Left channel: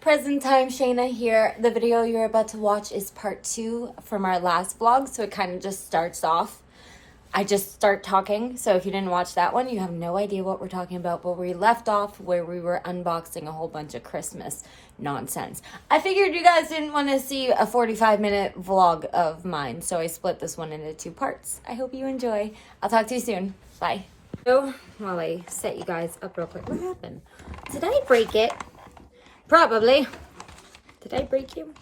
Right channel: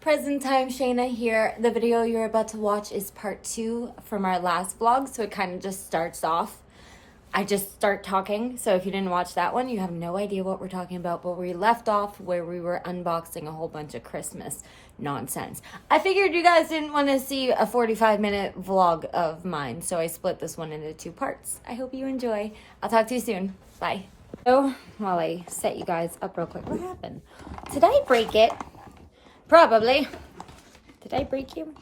Present time, Shayna here. The video you're about to watch is part 2 from our last vlog, so it kind of just starts off. I just start talking, so if you didn't watch that one, you have no idea what we're talking about, but we left off where we were unboxing a whole bunch of Christmas nonsense. I figured you guys didn't want to see a 45-minute vlog of mine, so I split this one into 2 parts. I hope you enjoy. I'll talk to you soon. Bye. So, while I set you guys up real quick, what happened? Did I break it? Probably. Did I break you?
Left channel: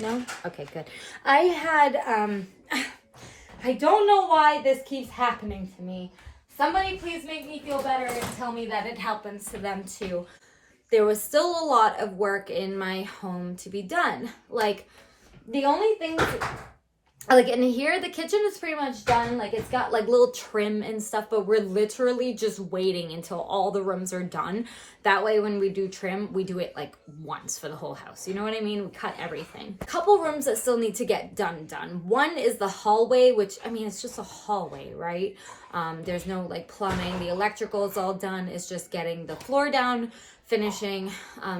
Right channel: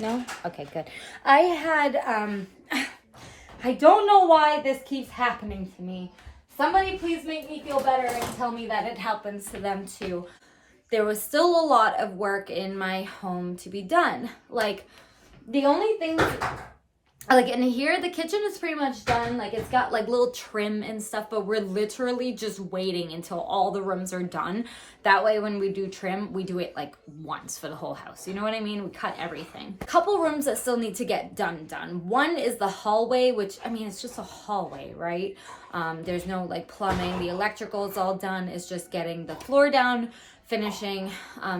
No? Okay, good. I had, I don't know why this keeps happening to me. Somebody please make me feel better and tell me that it happens to them too. There was still a lot of work in my home to be done. Like, the only things, like in here, the kitchen is pretty much done. Like, it's got like little trim and stuff, but we're literally just waiting until all the rooms are done. That way, when we do trim, we do it like once for the whole house. You know what I mean? We cut everything. A couple rooms that still need to get done. One is the hallway, which, I mean, it's just a hallway, right? There's no like plumbing. The electrical is all done. It's just getting the floor down, finishing,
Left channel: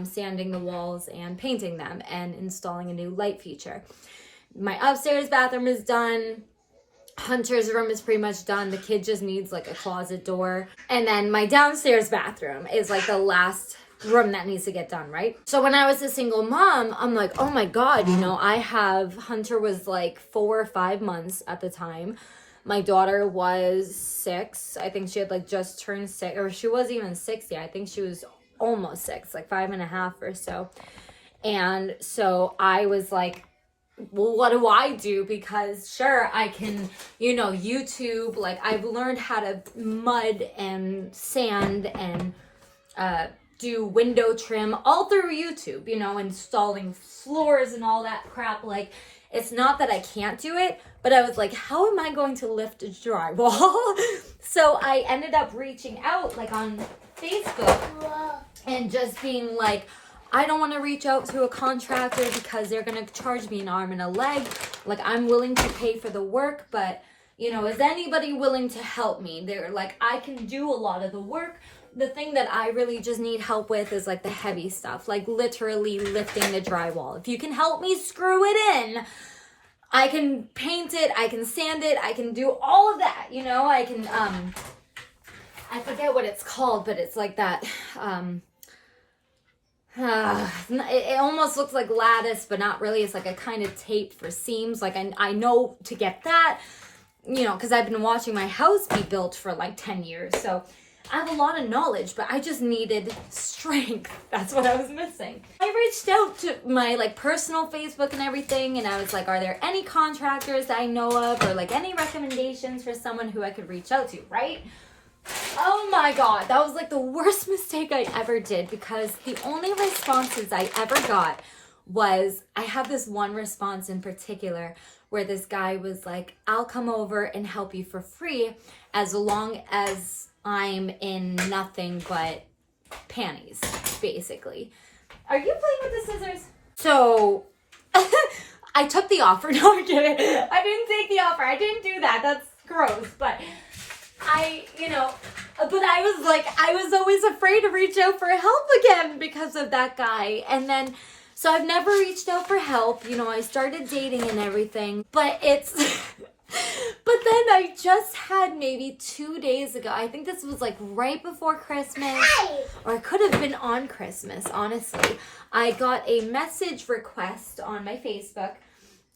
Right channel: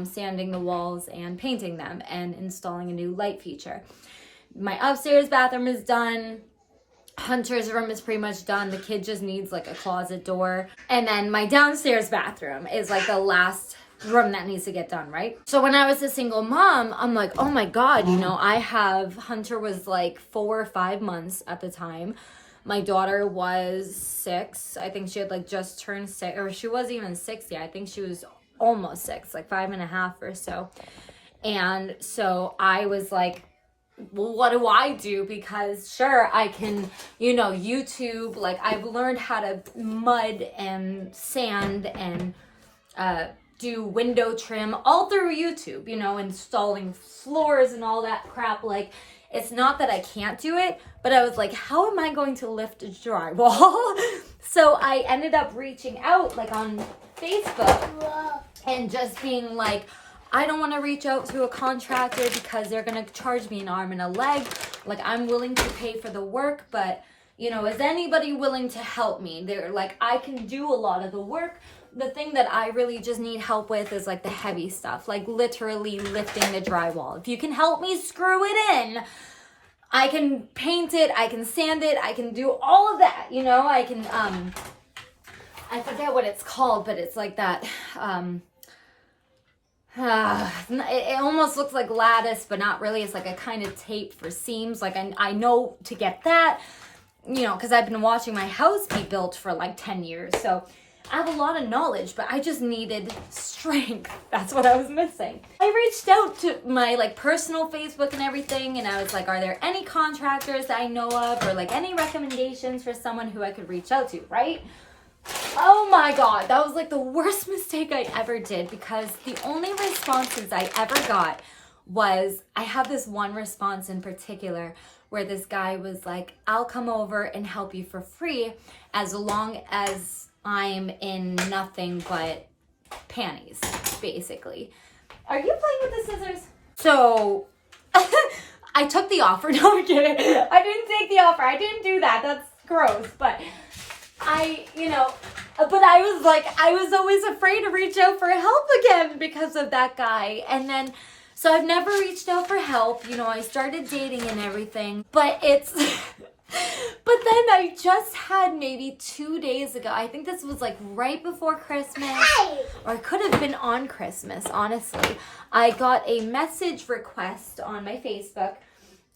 sanding the walls and painting them and installing a new light feature. My upstairs bathroom is done. Hunter's room is pretty much done. The kid just needs like a closet door. And then my downstairs bathroom is like the last room that needs to get done, right? So when I was a single mom, I'm like, oh my God, you know, Hunter was like 4 or 5 months at the time. My daughter was 6. I think she had like just turned 6, or she wasn't even 6 yet. I think she was almost 6, like 5.5 or so. And so I was like, well, what do I do? Because sure, I can, you know, YouTube, like I've learned how to mud and sand and do window trim all through YouTube, you know, installing floors and all that crap. Like, it's not that I can't do it, but I was like, how am I going to lift a drywall? So I ended up reaching out like on Facebook and just being like, I don't want to reach out to a contractor because they're going to charge me an arm and a leg. Like, I'm willing to pay for the work, but, you know, is anybody willing to help me? They're like, I can do a lot of the work. The thing that I really just need help with is like the heavy stuff, like literally lifting the drywall. If you can help me screw it in, I can paint it, I can sand it, I can do all of that, you know? I can, I forget what it's called, but it's like that, it almost looks like lattice, but not really. It's like a kind of tape for seams. Like I know to get that, you know, because I've been watching my house be built for like 10 years. So I have a lot of knowledge, but I just needed strength. That's what I was missing. I reached out to my like personal Facebook and everything, and I was like, are there any contractors that I know of, or like any recommendations for someone who I could reach out to, right? Oh my God, that was like the worst mistake I ever did, because the only responses I ever got was, I have this one response in particular where this guy was like, I'll come over and help you for free as long as I'm in nothing but panties, basically. Are you playing with the scissors? So I took the offer. No, I'm kidding. I didn't take the offer. I didn't do that. That's gross. But you know, but I was like, I was always afraid to reach out for help again because of that guy. And then, so I've never reached out for help. You know, I started dating and everything, but it's, but then I just had maybe 2 days ago, I think this was like right before Christmas, or it could have been on Christmas, honestly. I got a message request on my Facebook.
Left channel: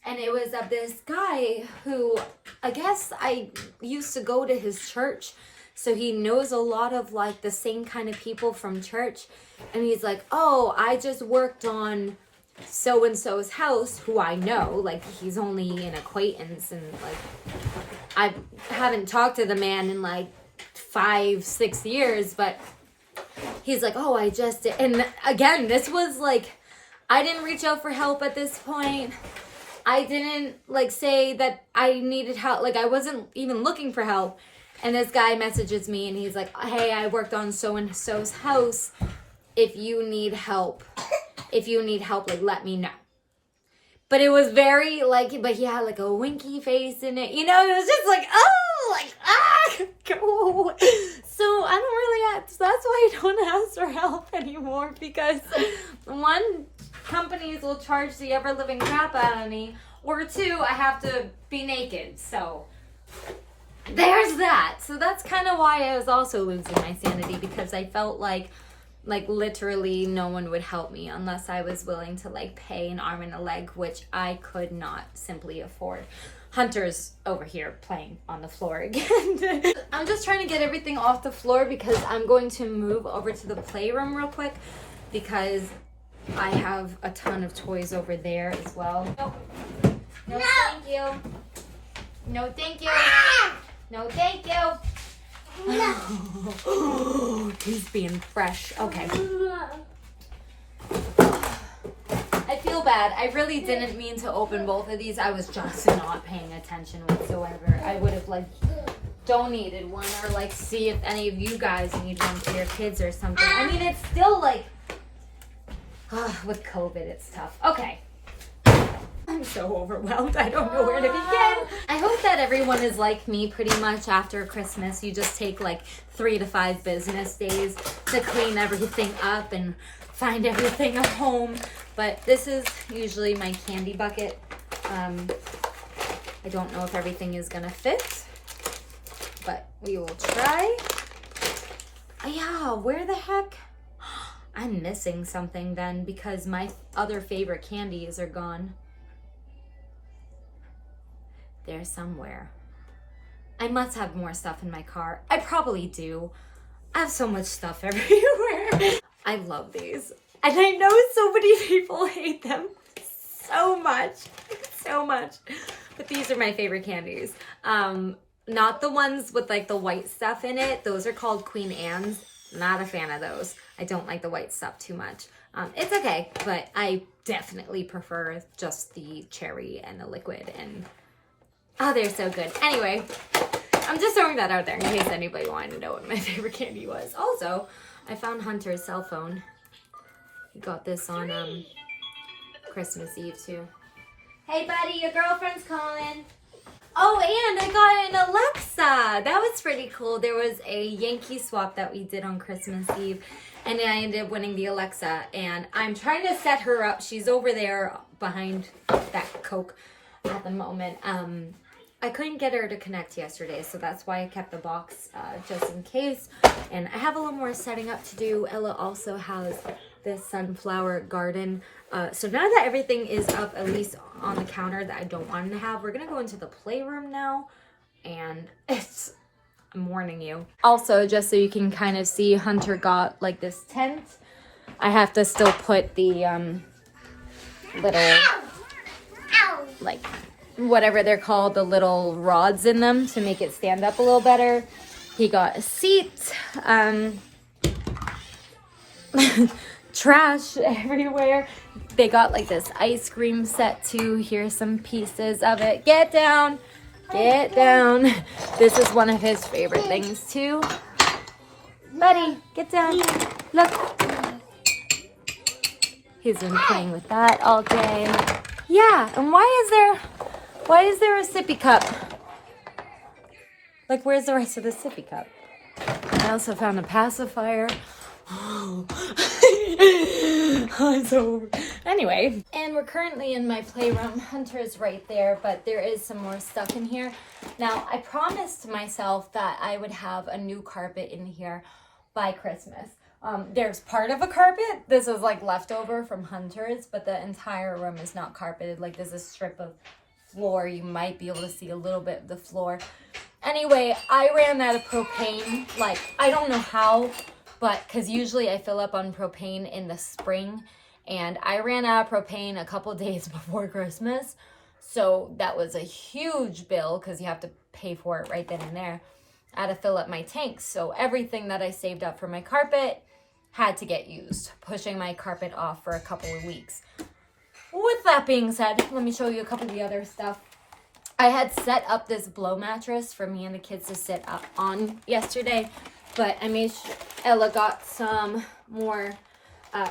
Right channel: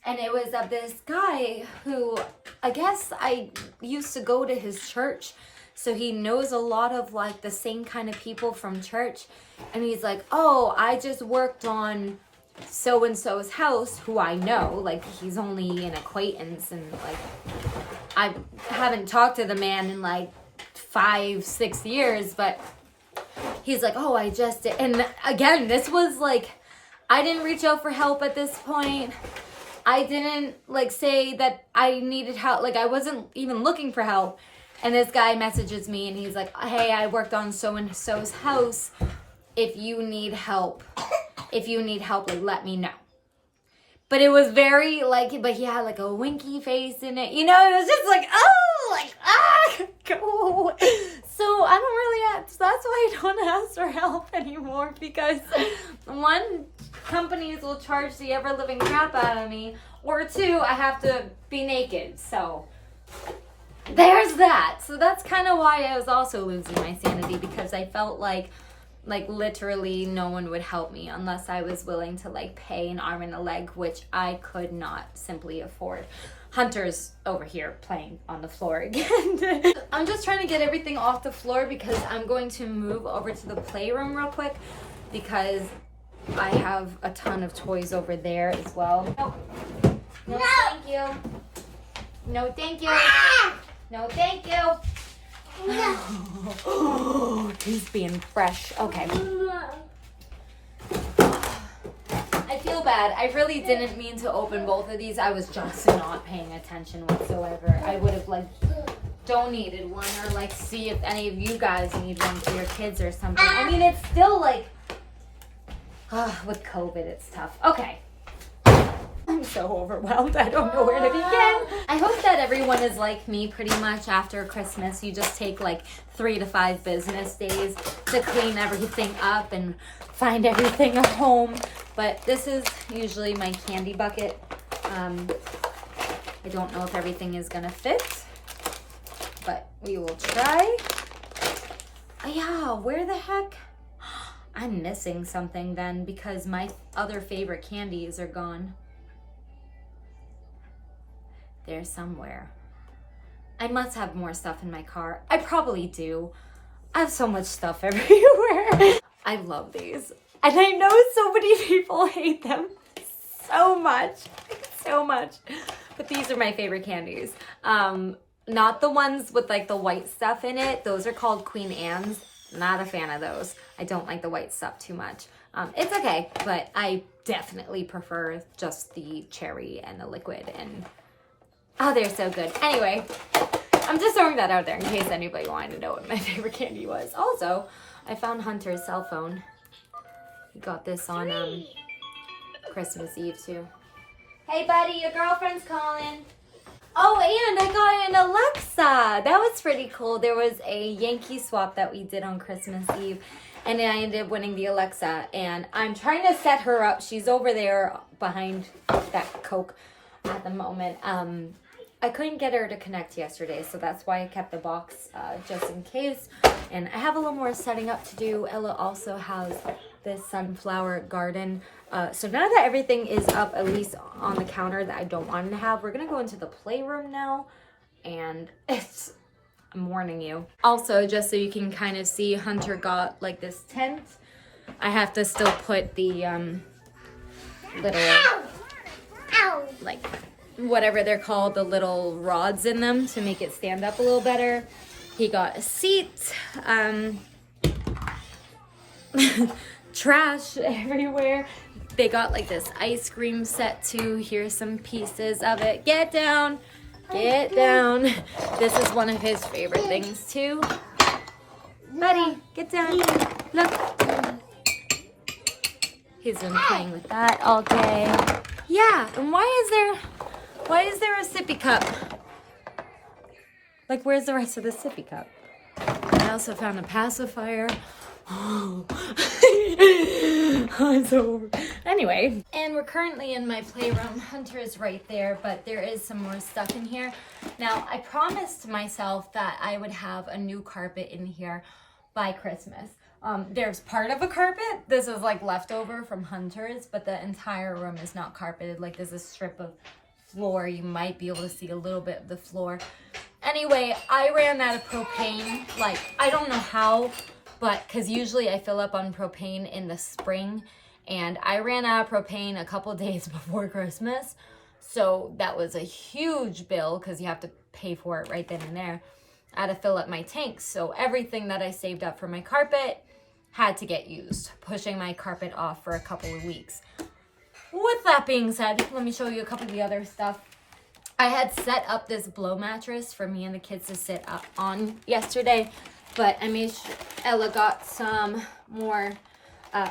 And it was of this guy who, I guess I used to go to his church. So he knows a lot of like the same kind of people from church. And he's like, oh, I just worked on so-and-so's house, who I know. Like, he's only an acquaintance. And like, I haven't talked to the man in like 5-6 years. But he's like, oh, I just did. And again, this was like, I didn't reach out for help at this point. I didn't like say that I needed help. Like, I wasn't even looking for help. And this guy messages me and he's like, hey, I worked on so-and-so's house. If you need help, like, let me know. But it was very like, but he had like a winky face in it. You know, it was just like, oh, like, go. So I don't really have, so that's why I don't ask for help anymore, because one, companies will charge the ever-living crap out of me, or 2, I have to be naked. So there's that. So that's kind of why I was also losing my sanity, because I felt like literally no one would help me unless I was willing to like pay an arm and a leg, which I could not simply afford. Hunter's over here playing on the floor again. I'm just trying to get everything off the floor because I'm going to move over to the playroom real quick because I have a ton of toys over there as well. No, thank you. No, thank you. No, thank you. No. He's being fresh. Okay. I feel bad. I really didn't mean to open both of these. I was just not paying attention whatsoever. I would have like donated one or like see if any of you guys need one for your kids or something. I mean, it's still like with COVID, it's tough. Okay. I'm so overwhelmed. I don't know where to begin. I hope that everyone is like me pretty much after Christmas. You just take like 3 to 5 business days to clean everything up and find everything at home. But this is usually my candy bucket. I don't know if everything is gonna fit, but we will try. Yeah, where the heck? I'm missing something then because my other favorite candies are gone. There somewhere. I must have more stuff in my car. I probably do. I have so much stuff everywhere. I love these. And I know so many people hate them so much. So much. But these are my favorite candies. Not the ones with like the white stuff in it. Those are called Queen Anne's. Not a fan of those. I don't like the white stuff too much. It's okay, but I definitely prefer just the cherry and the liquid. And oh, they're so good. Anyway, I'm just throwing that out there in case anybody wanted to know what my favorite candy was. Also, I found Hunter's cell phone. He got this on Christmas Eve too. Hey buddy, your girlfriend's calling. Oh, and I got an Alexa. That was pretty cool. There was a Yankee swap that we did on Christmas Eve, and I ended up winning the Alexa. And I'm trying to set her up. She's over there behind that Coke at the moment. I couldn't get her to connect yesterday, so that's why I kept the box just in case. And I have a little more setting up to do. Ella also has this sunflower garden. So now that everything is up, at least on the counter that I don't want to have, we're going to go into the playroom now. And I'm warning you. Also, just so you can kind of see, Hunter got like this tent. I have to still put the little, like, whatever they're called, the little rods in them to make it stand up a little better. He got a seat. Trash everywhere. They got like this ice cream set too. Here's some pieces of it. Get down. Get down. This is one of his favorite things too. Buddy, get down. Look. He's been playing with that all day. Yeah, and why is there a sippy cup? Like, where's the rest of the sippy cup? I also found a pacifier. Oh. So anyway, and we're currently in my playroom. Hunter is right there, but there is some more stuff in here. Now, I promised myself that I would have a new carpet in here by Christmas. There's part of a carpet. This is like leftover from Hunter's, but the entire room is not carpeted. Like, there's a strip of floor. You might be able to see a little bit of the floor. Anyway, I ran out of propane. Like, I don't know how, but because usually I fill up on propane in the spring, and I ran out of propane a couple days before Christmas. So that was a huge bill because you have to pay for it right then and there. I had to fill up my tanks. So everything that I saved up for my carpet had to get used, pushing my carpet off for a couple of weeks. With that being said, let me show you a couple of the other stuff. I had set up this blow mattress for me and the kids to sit up on yesterday, but I made sure Ella got some more.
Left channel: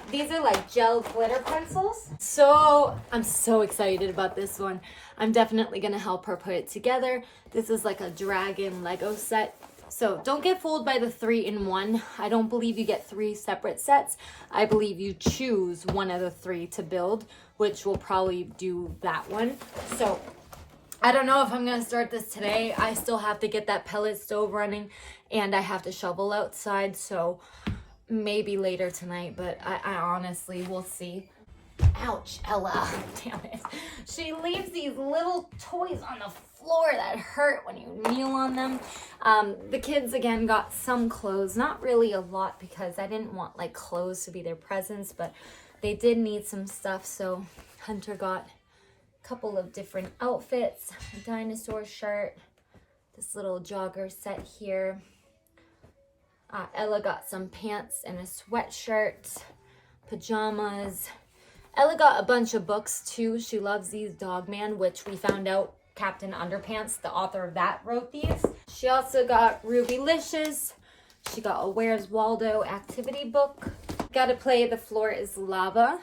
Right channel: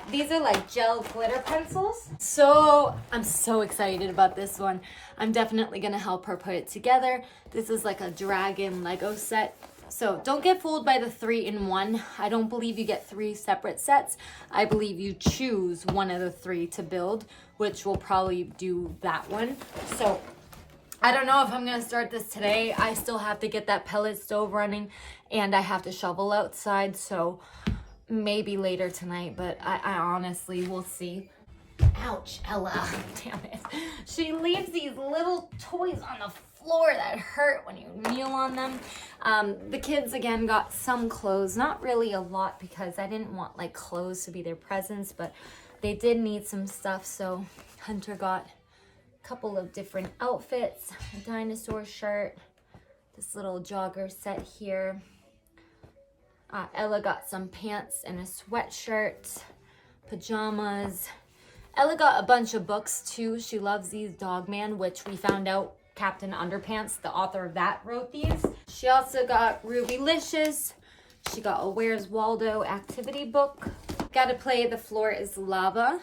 These are like gel glitter pencils. So I'm so excited about this one. I'm definitely gonna help her put it together. This is like a dragon Lego set. So don't get fooled by the 3-in-1. I don't believe you get 3 separate sets. I believe you choose one of the 3 to build, which will probably do that one. So I don't know if I'm going to start this today. I still have to get that pellet stove running, and I have to shovel outside. So maybe later tonight, but I honestly will see. Ouch, Ella. Damn it. She leaves these little toys on the floor that hurt when you kneel on them. The kids, again, got some clothes. Not really a lot because I didn't want, like, clothes to be their presents, but they did need some stuff. So Hunter got a couple of different outfits. A dinosaur shirt. This little jogger set here. Ella got some pants and a sweatshirt. Pajamas. Ella got a bunch of books too. She loves these Dogman, which we found out Captain Underpants, the author of that, wrote these. She also got Rubylicious. She got a Where's Waldo activity book. Gotta Play The Floor Is Lava.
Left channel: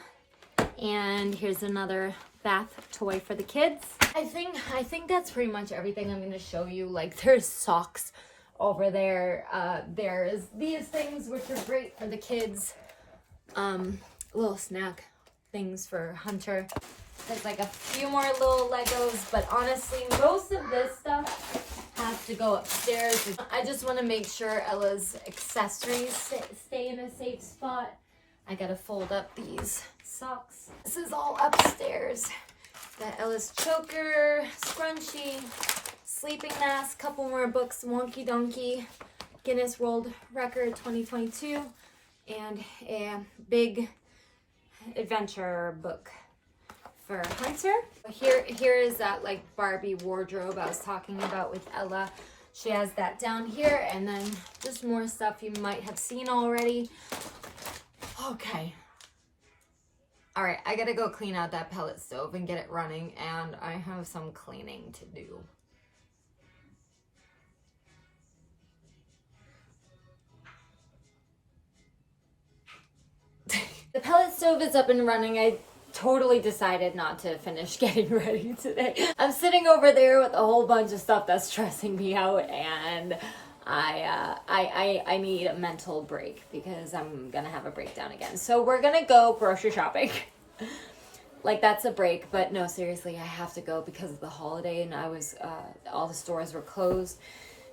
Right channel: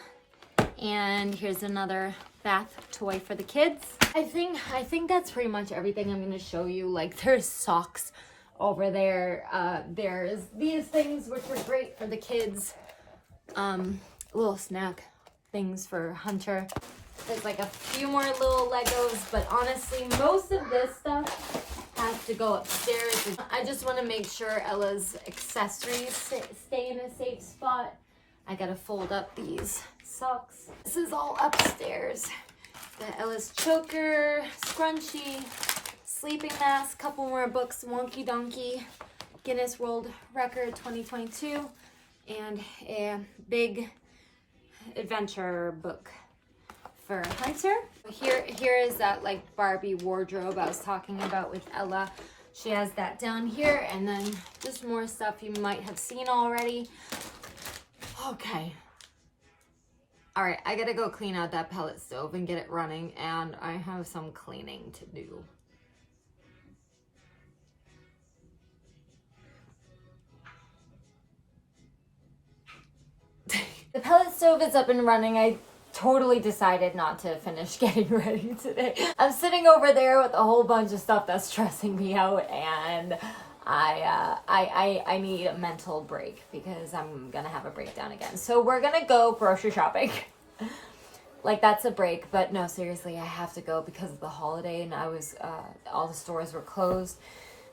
And here's another bath toy for the kids. I think that's pretty much everything I'm gonna show you. Like, there's socks over there. There's these things which are great for the kids. Little snack things for Hunter. There's like a few more little Legos, but honestly, most of this stuff has to go upstairs. I just want to make sure Ella's accessories stay in a safe spot. I gotta fold up these socks. This is all upstairs. Got Ella's choker, scrunchie, sleeping mask, couple more books, Wonky Donkey, Guinness World Record 2022, and a big adventure book for Hunter. Here is that like Barbie wardrobe I was talking about with Ella. She has that down here, and then just more stuff you might have seen already. Okay. All right, I gotta go clean out that pellet stove and get it running, and I have some cleaning to do. The pellet stove is up and running. I totally decided not to finish getting ready today. I'm sitting over there with a whole bunch of stuff that's stressing me out, and I need a mental break because I'm gonna have a breakdown again. So we're gonna go grocery shopping. Like, that's a break, but no, seriously, I have to go because of the holiday, and all the stores were closed.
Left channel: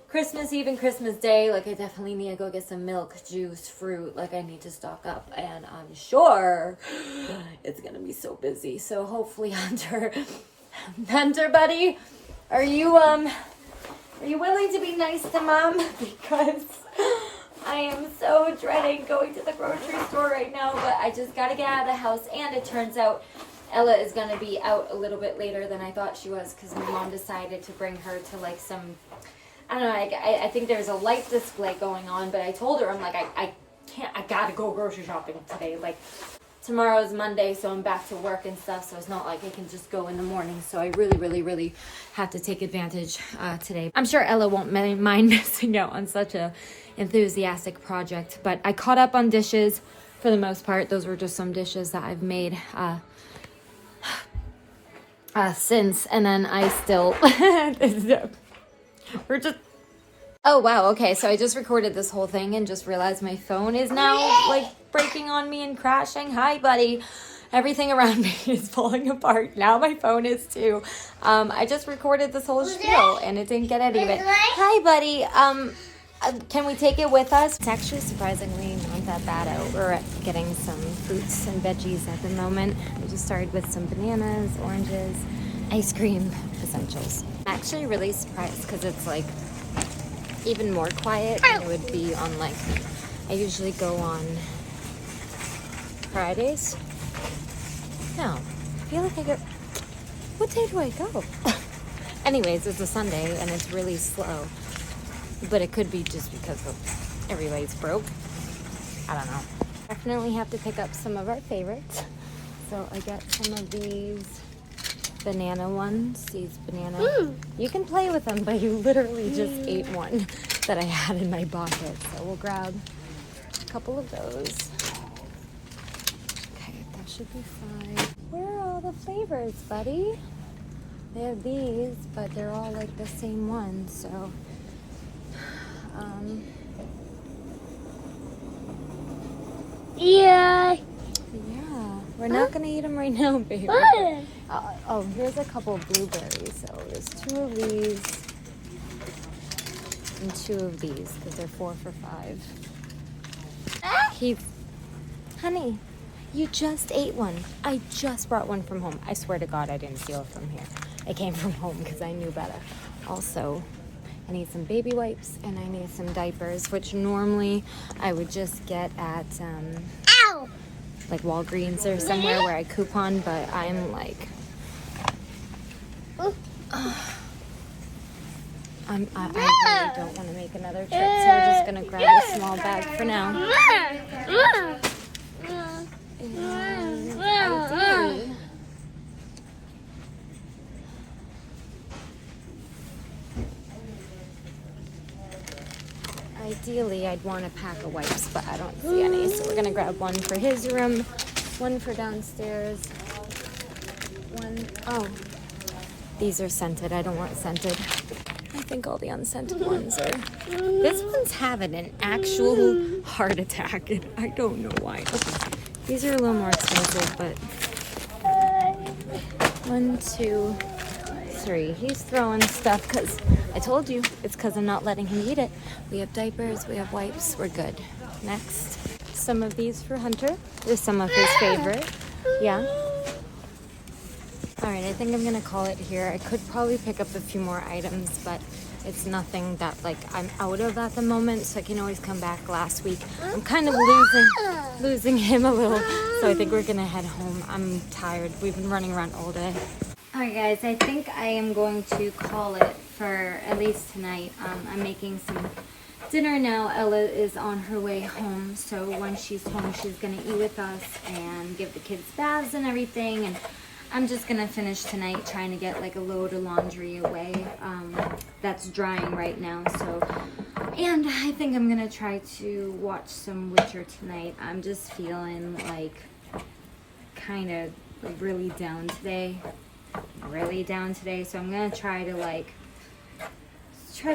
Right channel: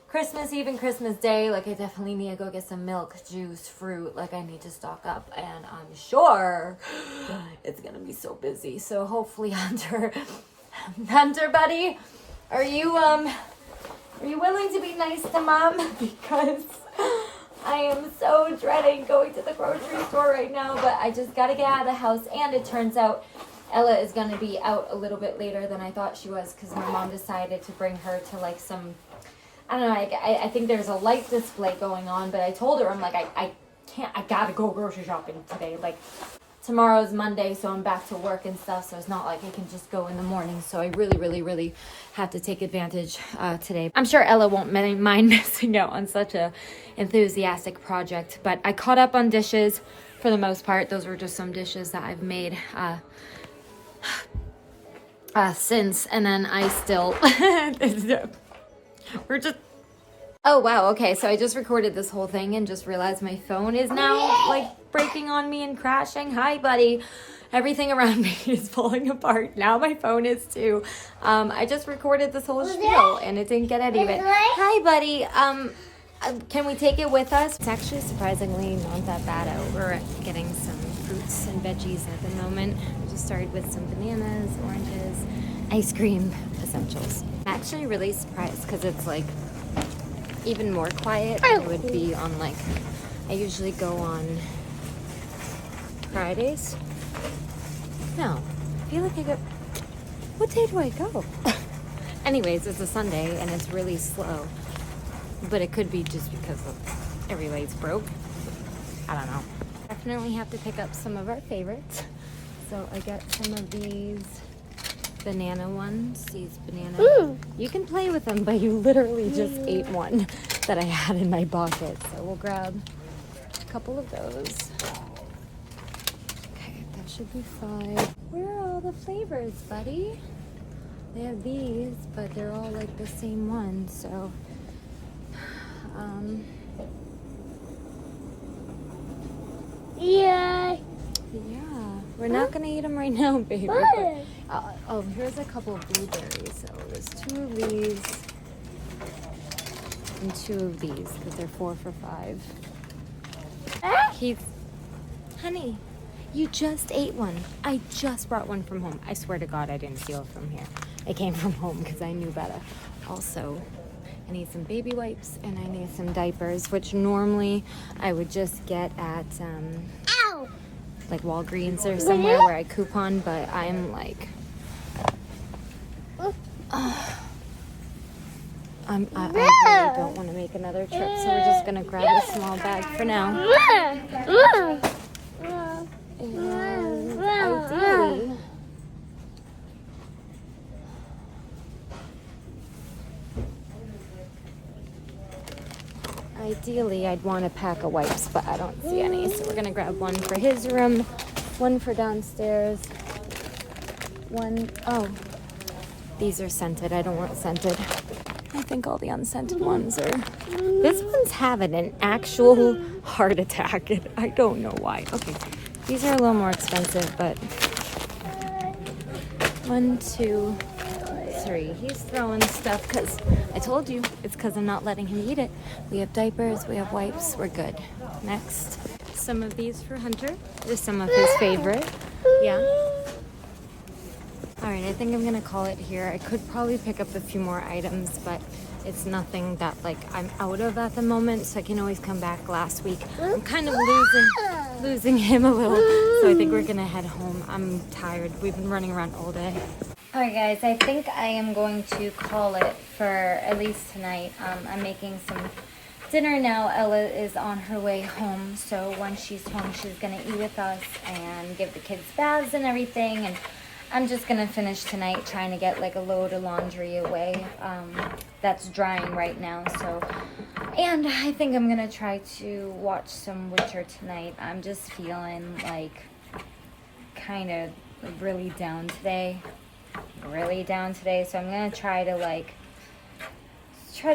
Christmas Eve and Christmas Day, like, I definitely need to go get some milk, juice, fruit. Like, I need to stock up, and I'm sure it's gonna be so busy. So hopefully, Hunter buddy, are you willing to be nice to Mom? Because I am so dreading going to the grocery store right now, but I just gotta get out of the house. And it turns out Ella is gonna be out a little bit later than I thought she was, because my mom decided to bring her to, like, some, I don't know, I think there's a light display going on, but I told her, I'm like, I can't, I gotta go grocery shopping today. Like, tomorrow's Monday, so I'm back to work and stuff, so it's not like I can just go in the morning. So I really have to take advantage today. I'm sure Ella won't mind missing out on such a enthusiastic project, but I caught up on dishes for the most part. Those were just some dishes that I've made since, and then I still we're just, oh wow, okay, so I just recorded this whole thing and just realized my phone is now like breaking on me and crashing. Hi buddy, everything around me is falling apart. Now my phone is too. I just recorded this whole spiel and it didn't get any of it. Hi buddy, can we take it with us? It's actually surprisingly not that bad out. We're getting some fruits and veggies at the moment. We just started with some bananas, oranges, ice cream, essentials. I'm actually really surprised because it's like even more quiet than it would be on, like, I usually go on Fridays. No, I feel like I go, what day do I go? Anyways, it's a Sunday and it's really slow, but it could be just because of everybody's broke. I don't know. Definitely have to pick up some of our favorites. So I got some of these banana ones, these banana. You can play with them, but you literally just ate one that I had in my pocket. So we'll grab a couple of those. Okay, that should be fine. Where are all the flavors, buddy? They have these, but they're all like the same one. So Yeah. Yeah, we're not gonna eat them right now, baby. But, oh, here's a couple of blueberries. So there's 2 of these and 2 of these because they're 4 for $5. Honey, you just ate one. I just brought one from home. I swear to God, I didn't steal it from here. It came from home because I knew better. Also, I need some baby wipes and I need some diapers, which normally I would just get at like Walgreens or somewhere where I coupon, but I'm like, I really don't want to make another trip, so we're just gonna grab a small bag for now. And ideally, I'd want a pack of wipes, but I don't see any. So we're gonna grab one for his room, one for downstairs, oh, these are scented. I don't want scented. I think all the unscented ones are. This one's having an actual heart attack. I don't know why. Okay, these are a little more expensive, but 1, 2, 3. He's throwing stuff because I told you it's because I'm not letting him eat it. We have diapers, we have wipes, we're good. Next, some of these for Hunter. They're some of his favorite. Yeah. All right, I think I'm gonna call it here. I could probably pick up a few more items, but it's nothing that like I'm out of at the moment, so I can always come back last week. I'm kind of losing him a little, so I think we're gonna head home. I'm tired. We've been running around all day. All right, guys, I think I am going to call it for at least tonight. I'm making some dinner now. Ella is on her way home, so once she's home, she's gonna eat with us and give the kids baths and everything, and I'm just gonna finish tonight trying to get like a load of laundry away that's drying right now. So, and I think I'm gonna try to watch some Witcher tonight. I'm just feeling like kind of really down today. So I'm gonna try to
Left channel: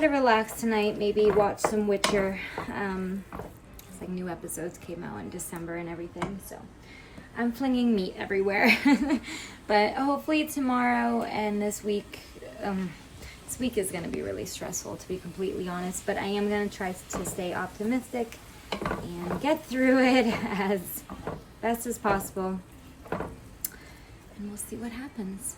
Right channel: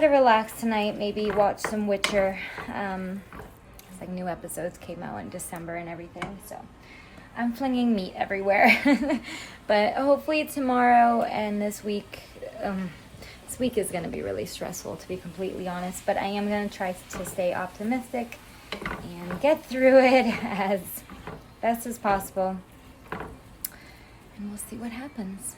relax tonight, maybe watch some Witcher. It's like new episodes came out in December and everything, so I'm flinging meat everywhere. But hopefully tomorrow and this week is gonna be really stressful, to be completely honest, but I am gonna try to stay optimistic and get through it as best as possible, and we'll see what happens.